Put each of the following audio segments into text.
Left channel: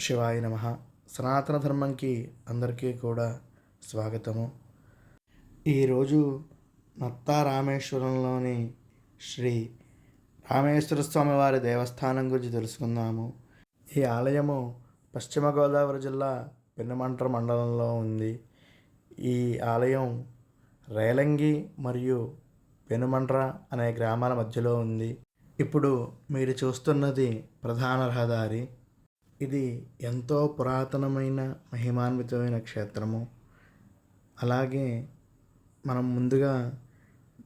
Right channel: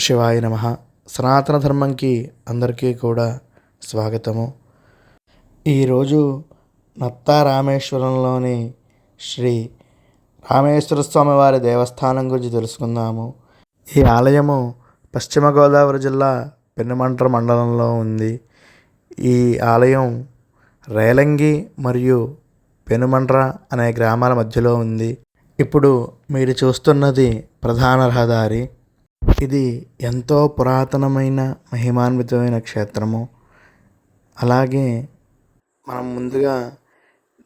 శివాయ నమ. సనాతన ధర్మంకి అందరికీ కూడా స్వాగతము. ఈరోజు నత్తా రామేశ్వరంలోని శ్రీ రామేశ్వర స్వామి వారి దేవస్థానం గురించి తెలుసుకుందాము. ఈ ఆలయము పశ్చిమ గోదావరి జిల్లా పెనుమంట్ర మండలంలో ఉంది. ఈ ఆలయం రేలంగి మరియు పెనుమంట్ర అనే గ్రామాల మధ్యలో ఉంది. ఇప్పుడు మీరు చూస్తున్నది ప్రధాన రహదారి. ఇది ఎంతో పురాతనమైన మహిమాన్వితమైన క్షేత్రము. అలాగే మనం ముందుగా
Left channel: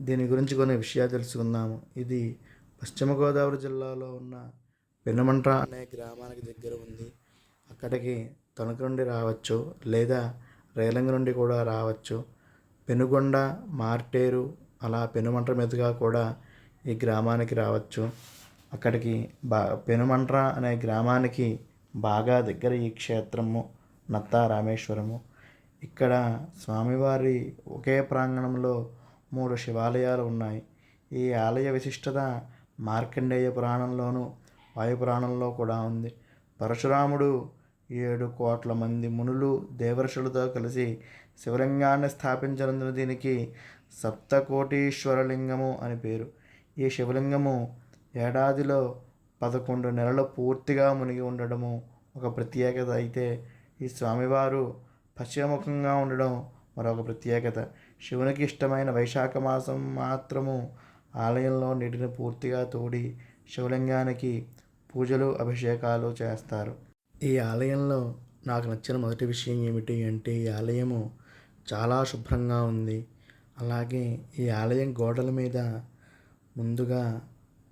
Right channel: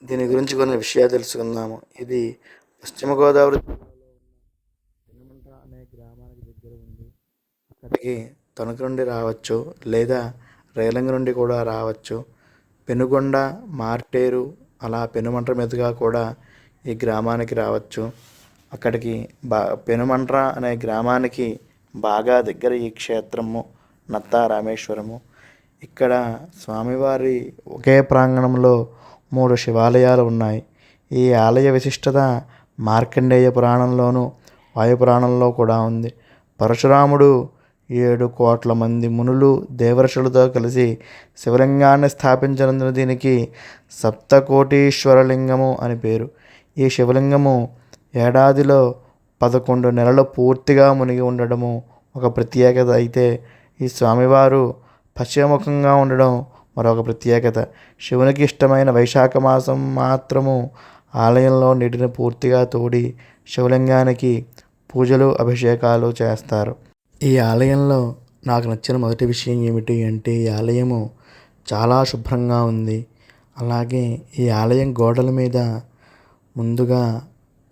దీని గురించి కొన్ని విషయాలు తెలుసుకుందాము. ఇది పశ్చిమ గోదావరి జిల్లాలో ఉన్న పెనుమంట్ర అనే గ్రామానికి దగ్గర ఉంది. అక్కడికి తణుకు నుండి రావచ్చు లేదా రేలంగి నుండి కూడా రావచ్చు. పెనుగొండ మార్టేరు అలా పెనుమంట్ర మీదుగా కూడా ఈ గ్రామానికి రావచ్చు. అక్కడికి బా పెనుమంట్ర అనే గ్రామానికి బాగా దగ్గర ఈ క్షేత్రము నత్తా రామేశ్వరము. ఇక్కడ స్వామివారి ఒకే ప్రాంగణంలో మూడు శివాలయాలు ఉన్నాయి. ఈ ఆలయ విశిష్టత మార్కండేయ పురాణంలోను వాయు పురాణంలో కూడా ఉంది. పరశురాముడు ఏడు కోట్ల మంది మునులు దేవర్షులతో కలిసి శివలింగాన్ని స్థాపించినందున దీనికి సప్తకోటీశ్వరలింగము అని పేరు. ఈ శివలింగము ఏడాదిలో పదకొండు నెలలు పూర్తిగా మునిగి ఉండడము ఒక ప్రత్యేకత. అయితే ఈ స్వామివారు పశ్చిమముఖంగా ఉండడం మరొక ప్రత్యేకత. శివునికి ఇష్టమైన వైశాఖ మాసం మాత్రము ఆలయంలో నీటిని పూర్తిగా తోడి శివలింగానికి పూజలు అభిషేకాలు చేస్తారు. ఈ ఆలయంలో నాకు నచ్చిన మొదటి విషయం ఏమిటి అంటే ఈ ఆలయము చాలా శుభ్రంగా ఉంది. అలాగే ఈ ఆలయం గోడల మీద ముందుగా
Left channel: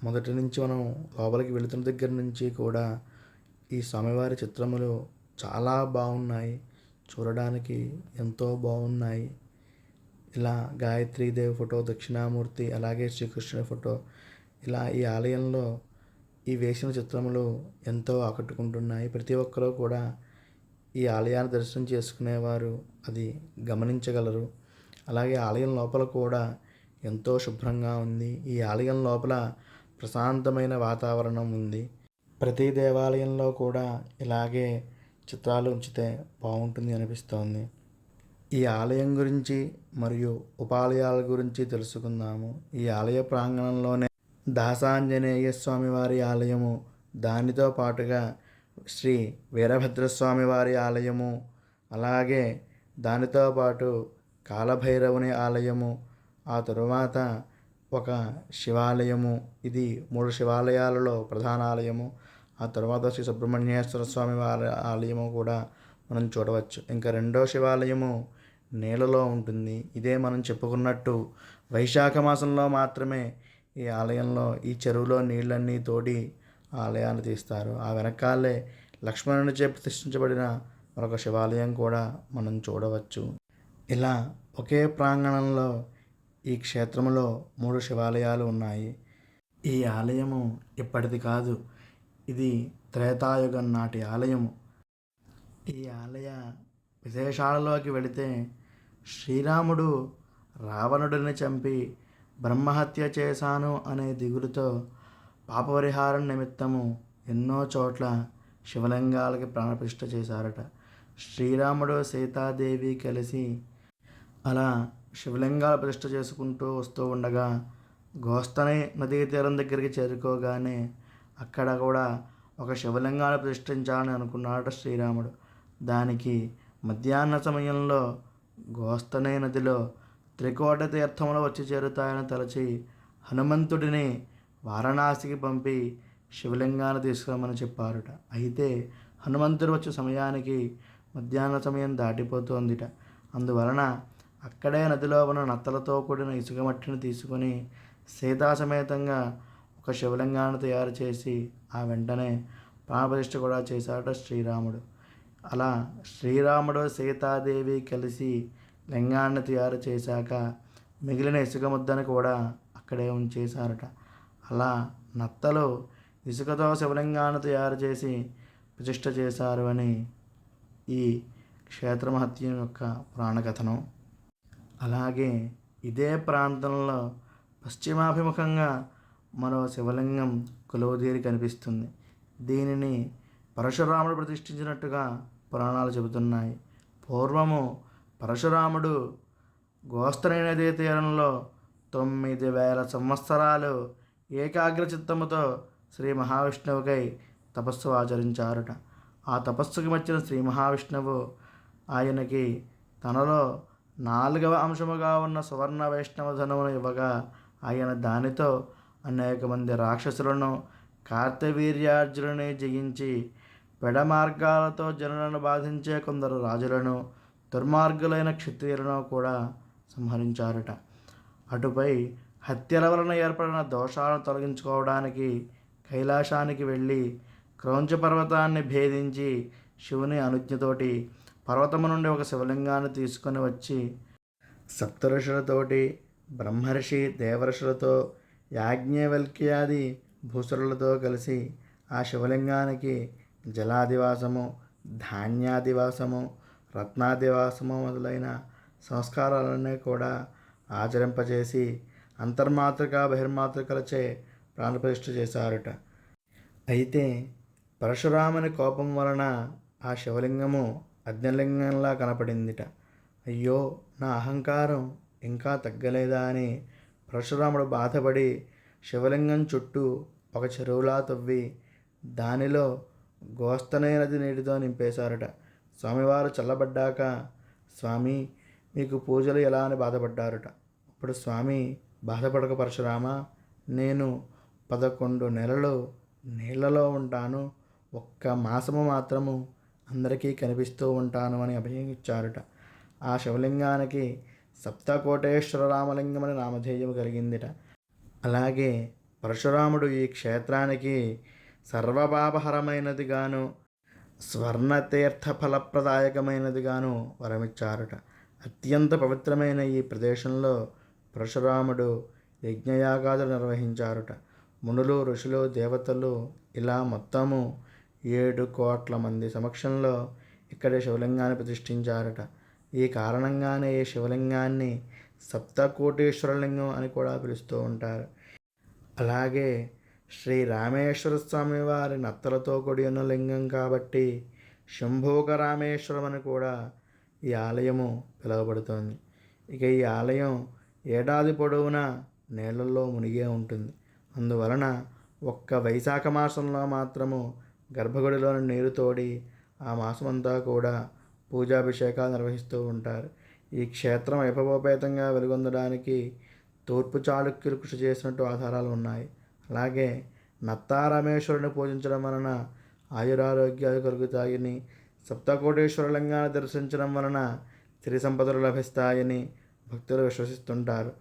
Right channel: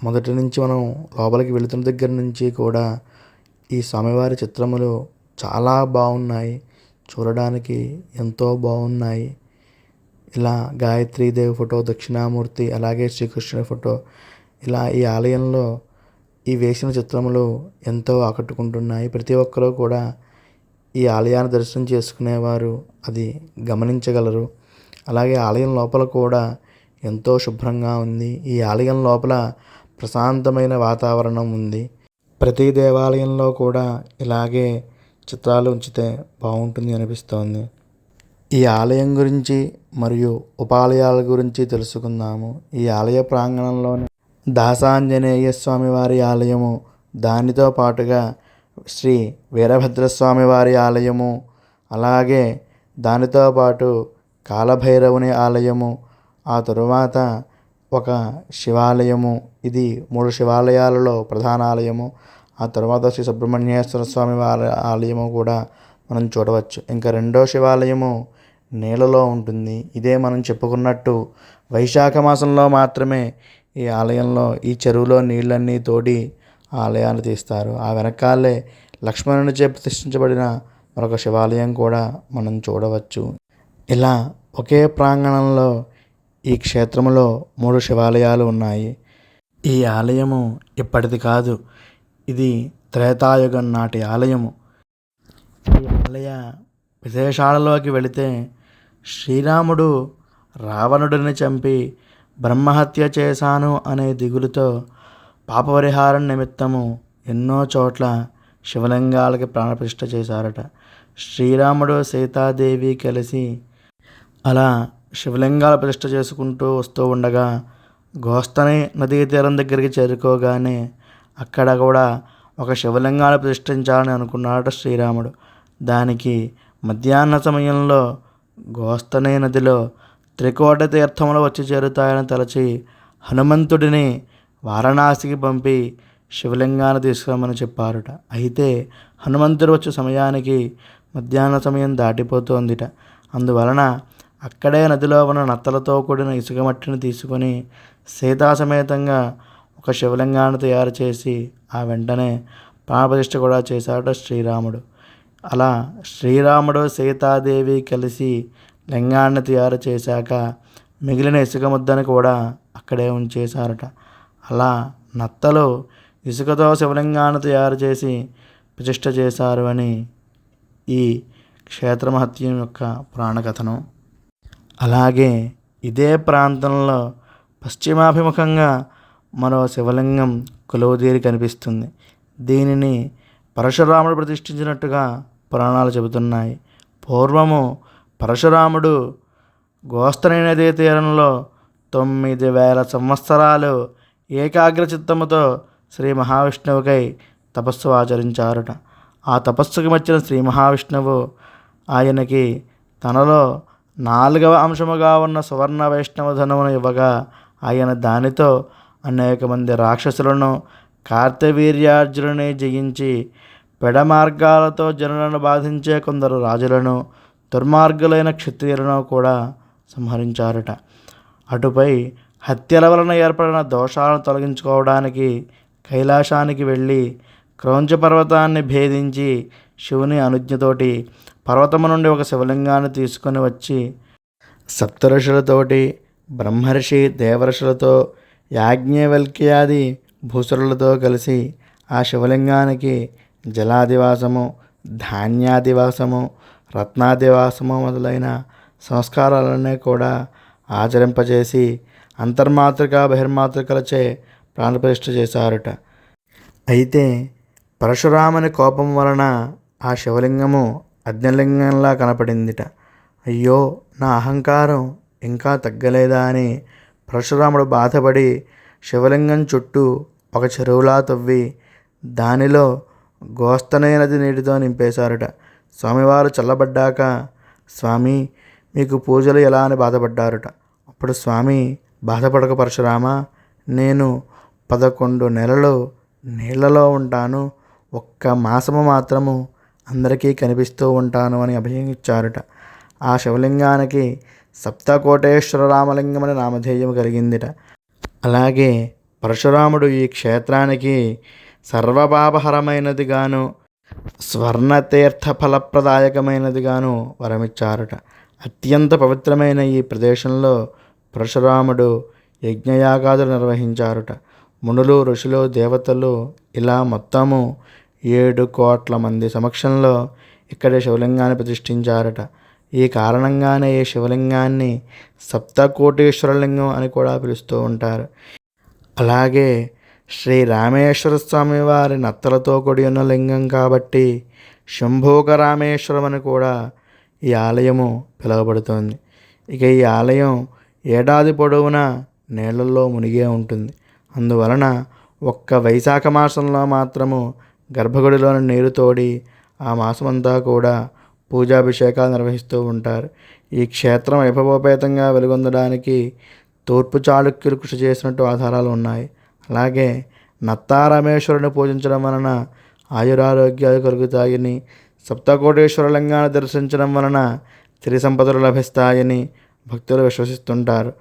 మొదటి నుంచి మనం లోపలికి వెళుతున్న దగ్గర నుంచి కూడా ఈ స్వామివారి చిత్రములు చాలా బాగున్నాయి. చూడడానికి ఎంతో బాగున్నాయి. ఇలా గాయత్రీదేవి ఫోటో దక్షిణామూర్తి అలాగే శ్రీకృష్ణుడి ఫోటో ఇలా ఈ ఆలయంలో ఈ వేసిన చిత్రములు ఎంతో ఆకట్టుకుంటున్నాయి. ప్రతి ఒక్కరూ కూడా ఈ ఆలయాన్ని దర్శనం చేసుకునేవారు అది గమనించగలరు. అలాగే ఆలయం లోపల కూడా ఎంతో శుభ్రంగా ఉంది. ఈ ఆలయం లోపల ప్రశాంతమైన వాతావరణం ఉంది. ప్రతి దేవాలయంలో కూడా ఇలాగే చిత్రాలు ఉంచితే బాగుంటుంది అనిపిస్తోంది. ఈ ఆలయం గురించి మరియు ఉపాలయాల గురించి తెలుసుకుందాము. ఈ ఆలయ ప్రాంగణంలోనే దాసాంజనేయ స్వామి వారి ఆలయము దానితో పాటుగా శ్రీ వీరభద్రస్వామి వారి ఆలయము అలాగే దానితో పాటు కాలభైరవుని ఆలయము ఆ తరువాత ఒక శివాలయము. ఇది మూడు శివాలయాలలో ప్రధాన ఆలయము. ఆ తర్వాత శ్రీ సుబ్రహ్మణ్యేశ్వర స్వామి వారి ఆలయము కూడా మనం చూడవచ్చు. ఇంకా రెండో శివాలయము నీళ్ళలో ఉంటుంది. ఇదే మనం చెప్పుకున్నట్టు వైశాఖ మాసంలో మాత్రమే ఈ ఆలయంలో ఈ చెరువులో నీళ్ళన్నీ తోడి ఆలయాన్ని తీస్తారు. ఆ వెనకాలే లక్ష్మణునిచే ప్రతిష్ఠించబడిన మరొక శివాలయం కూడా మనం చూడవచ్చు. ఇలా ఒకే ప్రాంగణంలో ఈ క్షేత్రంలో మూడు శివాలయాలు ఉన్నాయి. ఈ ఆలయము ఇప్పటిది కాదు. ఇది త్రేతాయుగం నాటి ఆలయము. ఈ ఆలయ విశేషాలలోకి వెళితే శ్రీరాముడు రావణుడిని చంపి బ్రహ్మహత్య చేశాను అనే దిగులుతో పాపపరిహారం నిమిత్తము ఎన్నో చోట్ల శివలింగాలకి ప్రాణప్రతిష్ఠ చేశారట. శ్రీరాముడు సీతాదేవి కలిసి అలా శివలింగాల ప్రతిష్ట చేసుకుంటూ వస్తూ ఉండగా గోస్తని నదీ తీరం దగ్గరికి చేరుకోగానే అక్కడ కూడా ఒక శివలింగాన్ని ప్రతిష్ఠించాలని అనుకున్నాడు శ్రీరాముడు. దానికి మధ్యాహ్న సమయంలో గోస్తనే నదిలో త్రికోట తీర్థములు వచ్చి చేరుతాయని తలచి హనుమంతుడిని వారణాసికి పంపి శివలింగాన్ని తీసుకురమ్మని చెప్పారట. అయితే హనుమంతుడు వచ్చే సమయానికి మధ్యాహ్న సమయం దాటిపోతోందిట. అందువలన అక్కడే నదిలో ఉన్న నత్తలతో కూడిన ఇసుక మట్టిని తీసుకొని సీతాసమేతంగా ఒక శివలింగాన్ని తయారు చేసి ఆ వెంటనే ప్రాణప్రతిష్ఠ కూడా చేశాడు శ్రీరాముడు. అలా శ్రీరాముడు సీతాదేవి కలిసి లింగాన్ని తయారు చేశాక మిగిలిన ఇసుక ముద్దని కూడా అక్కడే ఉంచేశారట. అలా నత్తలు ఇసుకతో శివలింగాన్ని తయారు చేసి ప్రతిష్ఠ చేశారు అని ఈ క్షేత్రమహత్యం యొక్క ప్రాణకథను. అలాగే ఇదే ప్రాంతంలో పశ్చిమాభిముఖంగా మరో శివలింగం కొలువుదీరి కనిపిస్తుంది. దీనిని పరశురాముడు ప్రతిష్ఠించినట్టుగా పురాణాలు చెబుతున్నాయి. పూర్వము పరశురాముడు గోస్తని నదీ తీరంలో తొమ్మిది వేల సంవత్సరాలు ఏకాగ్ర చిత్తముతో శ్రీ మహావిష్ణువుకై తపస్సు ఆచరించారట. ఆ తపస్సుకు వచ్చిన శ్రీ మహావిష్ణువు ఆయనకి తనలో నాలుగవ అంశముగా ఉన్న సువర్ణ వైష్ణవ ధనమును ఇవ్వగా ఆయన దానితో అనేక మంది రాక్షసులను కార్తవీర్యార్జునుని జయించి పెడ మార్గాలతో జనులను బాధించే కొందరు రాజులను దుర్మార్గులైన క్షత్రియులను కూడా సంహరించారట. అటుపై హత్యల వలన ఏర్పడిన దోషాలను తొలగించుకోవడానికి కైలాసానికి వెళ్ళి క్రౌంచ పర్వతాన్ని భేదించి శివుని అనుజ్ఞతోటి పర్వతము నుండి ఒక శివలింగాన్ని తీసుకొని వచ్చి సప్తఋషులతోటి బ్రహ్మర్షి దేవర్షులతో యాజ్ఞవల్క్యాది భూసురులతో కలిసి ఆ శివలింగానికి జలాదివాసము ధాన్యాదివాసము రత్నాదివాసము మొదలైన సంస్కారాలన్నీ కూడా ఆచరింపజేసి అంతర్మాతృక బహిర్మాతృకలచే ప్రాణప్రతిష్ఠ చేశారట. అయితే పరశురాముని కోపం వలన ఆ శివలింగము అగ్నిలింగంలా కనపడిందిట. అయ్యో నా అహంకారం ఇంకా తగ్గలేదా అని పరశురాముడు బాధపడి శివలింగం చుట్టూ ఒక చెరువులా తవ్వి దానిలో గోస్తనే నది నీటితో నింపేశారట. స్వామివారు చల్లబడ్డాక స్వామి మీకు పూజలు ఎలా అని బాధపడ్డారట. అప్పుడు స్వామి బాధపడక పరశురామ నేను పదకొండు నెలలు నీళ్ళలో ఉంటాను. ఒక్క మాసము మాత్రము అందరికీ కనిపిస్తూ ఉంటాను అని అభయం ఆ శివలింగానికి సప్తకోటేశ్వర రామలింగం అని నామధేయం కలిగిందిట. అలాగే పరశురాముడు ఈ క్షేత్రానికి సర్వపాపహరమైనదిగాను స్వర్ణతీర్థ ఫలప్రదాయకమైనదిగాను వరమిచ్చారట. అత్యంత పవిత్రమైన ఈ ప్రదేశంలో పరశురాముడు యజ్ఞయాగాదులు నిర్వహించారట. మునులు ఋషులు దేవతలు ఇలా మొత్తము ఏడు కోట్ల మంది సమక్షంలో ఇక్కడ శివలింగాన్ని ప్రతిష్ఠించారట. ఈ కారణంగానే ఈ శివలింగాన్ని సప్తకోటేశ్వరలింగం అని కూడా పిలుస్తూ ఉంటారు. అలాగే శ్రీ రామేశ్వర స్వామి వారి నత్తలతో కూడి ఉన్న లింగం కాబట్టి శంభోగ రామేశ్వరం అని కూడా ఈ ఆలయము పిలువబడుతోంది. ఇక ఈ ఆలయం ఏడాది పొడవునా నీళ్ళల్లో మునిగే ఉంటుంది. అందువలన ఒక్క వైశాఖ మాసంలో మాత్రము గర్భగుడిలోని నీరు తోడి ఆ మాసమంతా కూడా పూజాభిషేకాలు నిర్వహిస్తూ ఉంటారు. ఈ క్షేత్రం వైభవోపేతంగా వెలుగొందడానికి తూర్పు చాళుక్యులు కృషి చేసినట్టు ఆధారాలు ఉన్నాయి. అలాగే నత్తారామేశ్వరుని పూజించడం వలన ఆయురారోగ్యాలు కలుగుతాయని సప్తకోటేశ్వరలింగాన్ని దర్శించడం వలన సిరి సంపదలు లభిస్తాయని భక్తులు విశ్వసిస్తుంటారు.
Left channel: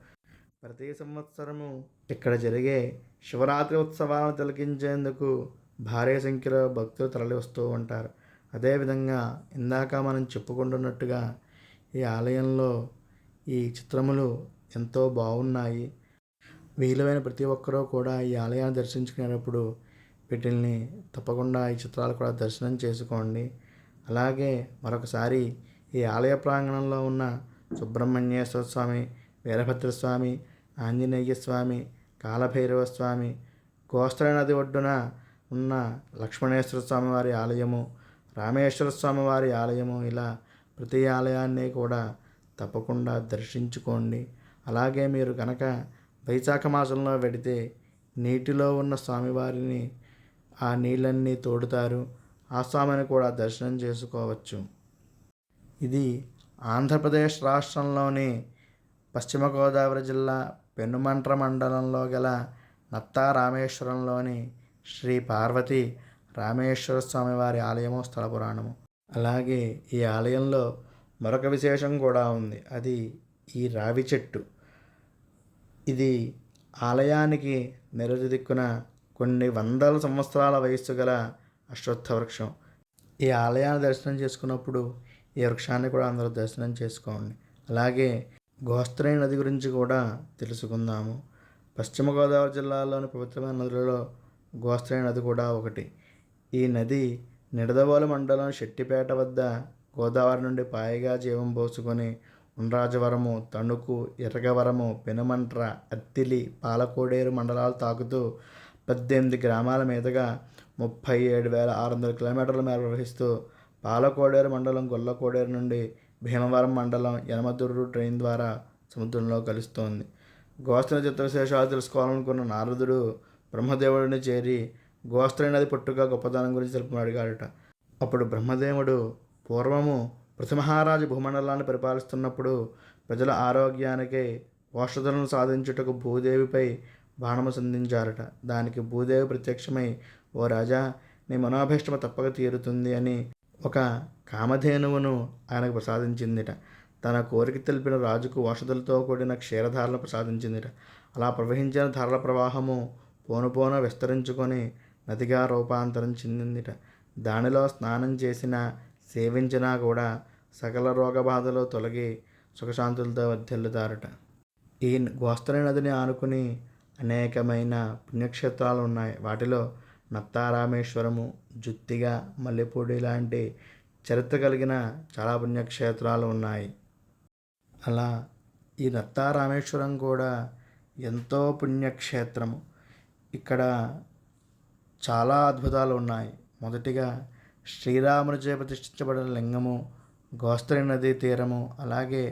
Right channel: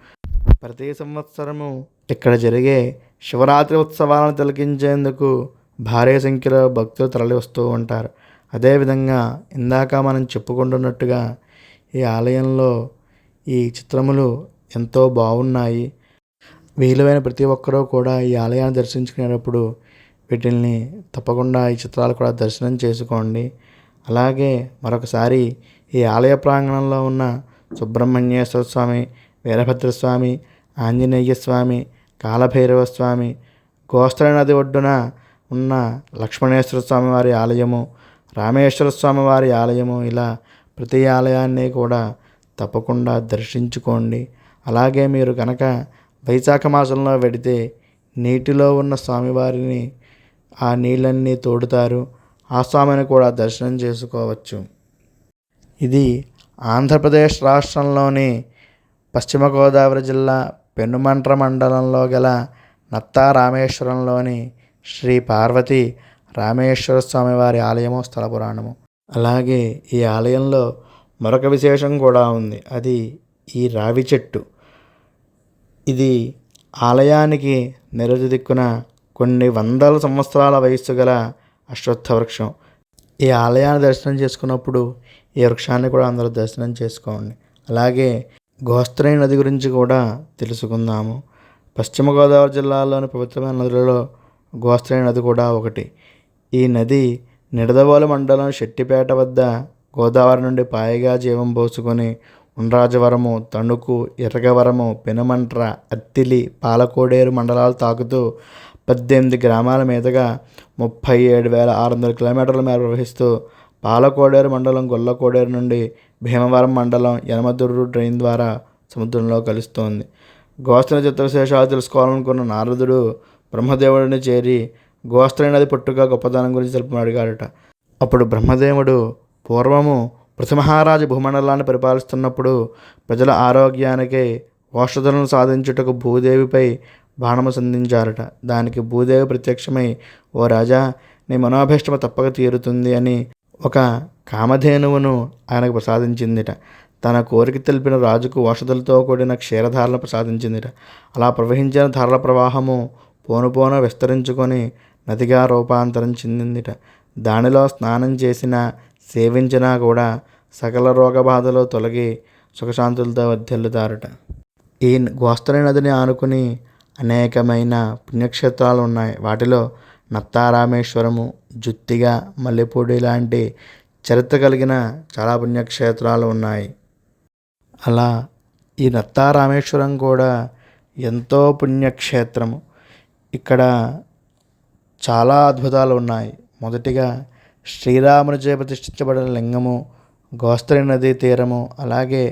ప్రతి సంవత్సరము ఇక్కడ జరిగే శివరాత్రి ఉత్సవాలను తిలకించేందుకు భారీ సంఖ్యలో భక్తులు తరలి వస్తూ ఉంటారు అదేవిధంగా ఇందాక మనం చెప్పుకుంటున్నట్టుగా ఈ ఆలయంలో ఈ చిత్రములు ఎంతో బాగున్నాయి. వీలువైన ప్రతి ఒక్కరూ కూడా ఈ ఆలయాన్ని దర్శించుకునేటప్పుడు వీటిల్ని తప్పకుండా ఈ చిత్రాలు కూడా దర్శనం చేసుకోండి. అలాగే మరొకసారి ఈ ఆలయ ప్రాంగణంలో ఉన్న సుబ్రహ్మణ్యేశ్వర స్వామి వీరభద్రస్వామి ఆంజనేయ స్వామి కాలభైరవ స్వామి గోస్త్ర నది ఒడ్డున ఉన్న లక్ష్మణేశ్వర స్వామి వారి ఆలయము రామేశ్వర స్వామి వారి ఆలయము ఇలా ప్రతి ఆలయాన్ని కూడా తప్పకుండా దర్శించుకోండి. అలాగే మీరు కనుక వైశాఖ మాసంలో వెడితే నీటిలో ఉన్న స్వామివారిని ఆ నీళ్ళన్నీ తోడుతారు. ఆ స్వామిని కూడా దర్శనం చేసుకోవచ్చు. ఇది ఆంధ్రప్రదేశ్ రాష్ట్రంలోని పశ్చిమ గోదావరి జిల్లా పెనుమంట్ర మండలంలో గల నత్తారామేశ్వరంలోని శ్రీ పార్వతి రామేశ్వర స్వామి వారి ఆలయము స్థల పురాణము. అలాగే ఈ ఆలయంలో మరొక విశేషం కూడా ఉంది. అది ఈ రావి చెట్టు. ఇది ఆలయానికి నిరుజు దిక్కున కొన్ని వందల సంవత్సరాల వయస్సు గల అశ్వత్థ వృక్షం. ఈ ఆలయాన్ని దర్శనం చేసుకున్నప్పుడు ఈ వృక్షాన్ని కూడా అందరూ దర్శనం చేసుకోండి. అలాగే గోస్త్రీ నది గురించి కూడా తెలుసుకుందాము. పశ్చిమ గోదావరి జిల్లాలోని పవిత్రమైన నదులలో గోస్త్రై నది కూడా ఒకటి. ఈ నది నిడదవోలు మండలం శెట్టిపేట వద్ద గోదావరి నుండి పాయగా జీవం పోసుకొని ఉండ్రాజవరము తణుకు ఇరగవరము పెనుమంట్ర అత్తిలి పాలకోడేరు మండలాలు తాకుతూ పద్దెనిమిది గ్రామాల మీదుగా ముప్పై ఏడు వేల ఆరు వందల కిలోమీటర్ల మేర ప్రవహిస్తూ పాలకోడేరు మండలం గొల్లకోడేరు నుండి భీమవరం మండలం యనమదుర్రు ట్రైన్ ద్వారా సముద్రంలో కలుస్తోంది. గోస్త్ర చిత్రశేషాలు తెలుసుకోవాలనుకున్న నారదుడు బ్రహ్మదేవుడిని చేరి గోస్త్రీ నది పుట్టుక గొప్పదనం గురించి తెలుపమని అడిగాడట. అప్పుడు బ్రహ్మదేవుడు పూర్వము పృథమహారాజు భూమండలాన్ని పరిపాలిస్తున్నప్పుడు ప్రజల ఆరోగ్యానికి ఔషధులను సాధించుటకు భూదేవిపై బాణము సంధించారట. దానికి భూదేవి ప్రత్యక్షమై ఓ రాజా నీ మనోభీష్టము తప్పక తీరుతుంది అని ఒక కామధేనువును ఆయనకు ప్రసాదించిందిట. తన కోరిక తెలిపిన రాజుకు ఔషధులతో కూడిన క్షీరధారలను ప్రసాదించిందిట. అలా ప్రవహించిన ధారల ప్రవాహము పోను పోను విస్తరించుకొని నదిగా రూపాంతరం చెందిందిట. దానిలో స్నానం చేసినా సేవించినా కూడా సకల రోగబాధలు తొలగి సుఖశాంతులతో వర్ధిల్లుతారట. ఈ గోస్తరి నదిని ఆనుకుని అనేకమైన పుణ్యక్షేత్రాలు ఉన్నాయి. వాటిలో నత్తారామేశ్వరము జుత్తిగా మల్లెపూడి లాంటి చరిత్ర కలిగిన చాలా పుణ్యక్షేత్రాలు ఉన్నాయి. అలా ఈ నత్తారామేశ్వరం కూడా ఎంతో పుణ్యక్షేత్రము. ఇక్కడ చాలా అద్భుతాలు ఉన్నాయి. మొదటిగా శ్రీరామునిచే ప్రతిష్ఠించబడిన లింగము గోస్తరి నదీ తీరము అలాగే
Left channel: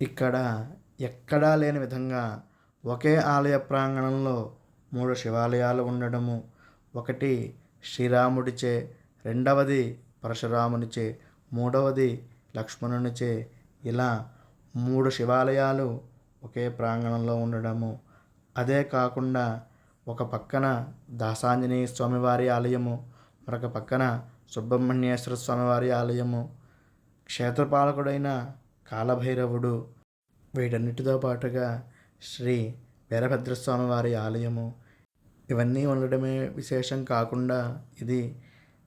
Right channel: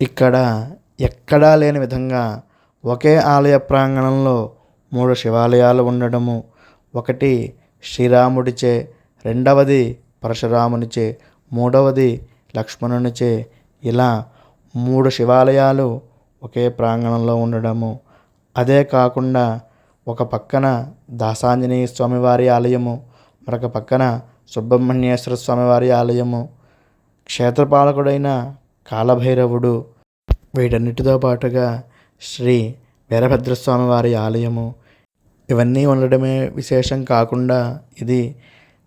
ఇక్కడ ఎక్కడా లేని విధంగా ఒకే ఆలయ ప్రాంగణంలో మూడు శివాలయాలు ఉండడము ఒకటి శ్రీరాముడిచే రెండవది పరశురామునిచే మూడవది లక్ష్మణునిచే ఇలా మూడు శివాలయాలు ఒకే ప్రాంగణంలో ఉండడము. అదే కాకుండా ఒక పక్కన దాసాంజనేయ స్వామివారి ఆలయము మరొక పక్కన సుబ్రహ్మణ్యేశ్వర స్వామివారి ఆలయము. క్షేత్రపాలకుడైన కాలభైరవుడు. వీటన్నిటితో పాటుగా శ్రీ వీరభద్రస్వామి వారి ఆలయము. ఇవన్నీ ఉండడమే విశేషం కాకుండా ఇది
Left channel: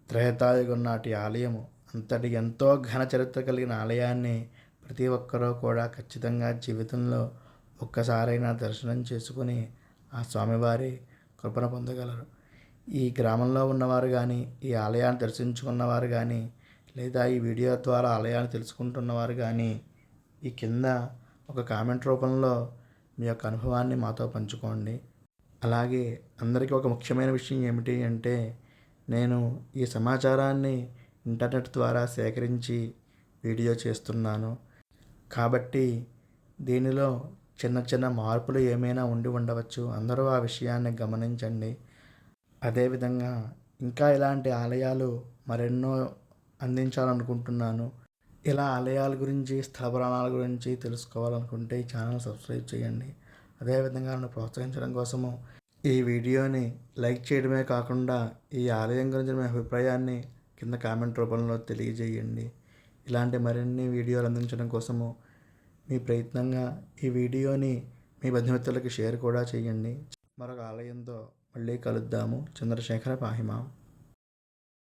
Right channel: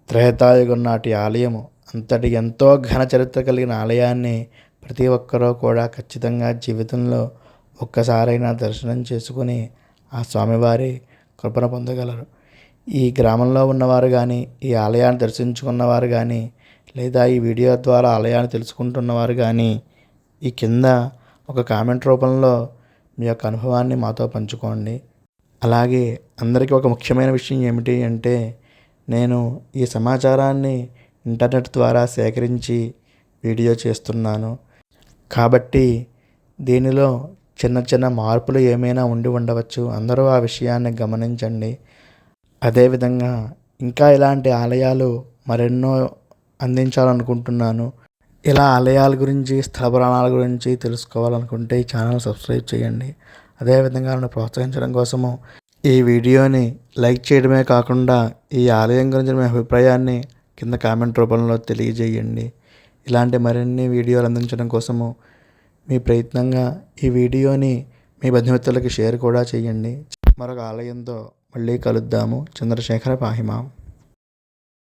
త్రేతాయుగం నాటి ఆలయము. అంతటి ఎంతో ఘన చరిత్ర కలిగిన ఆలయాన్ని ప్రతి ఒక్కరూ కూడా ఖచ్చితంగా జీవితంలో ఒక్కసారైనా దర్శనం చేసుకుని ఆ స్వామివారి కృపణ పొందగలరు. ఈ గ్రామంలో ఉన్నవారు కానీ ఈ ఆలయాన్ని దర్శించుకున్నవారు కానీ లేదా ఈ వీడియో ద్వారా ఆలయాన్ని తెలుసుకుంటున్నవారు కానీ ఈ కింద ఒక కామెంట్ రూపంలో మీ యొక్క అనుభవాన్ని మాతో పంచుకోండి. అలాగే అందరికీ ఒక ముఖ్యమైన విషయం ఏమిటి అంటే నేను ఈ సమాచారాన్ని ఇంటర్నెట్ ద్వారా సేకరించి వీడియో చేస్తున్నాను. కాబట్టి దీనిలో చిన్న చిన్న మార్పులు ఏమైనా ఉండి ఉండవచ్చు. అందరూ ఆ విషయాన్ని గమనించండి. అదేవిధంగా ఇంకా ఇలాంటి ఆలయాలు మరెన్నో అందించాలనుకుంటున్నాను. ఇలా ఆలయాల గురించి స్థల గురించి తెలుసుకోవాలనుకుంటే ఈ ఛానల్ సబ్స్క్రైబ్ చేయండి. అదేవిధంగా నన్ను ప్రోత్సహించడం కోసము ఈ వీడియోని లైక్ చేయడమే కాకుండా ఈ ఆలయం గురించి మీ అభిప్రాయాన్ని కింద కామెంట్ రూపంలో తెలియజేయండి. ఇలాంటి మరిన్ని వీడియోలు అందించడం కోసము మీ ప్రయత్నంగా ఈ వీడియోని మీ బంధుమిత్రులకి షేర్ కూడా చేయండి. మరొక ఆలయంతో మళ్ళీ కలుద్దాము. చంద్రశేఖర పాహిమాం.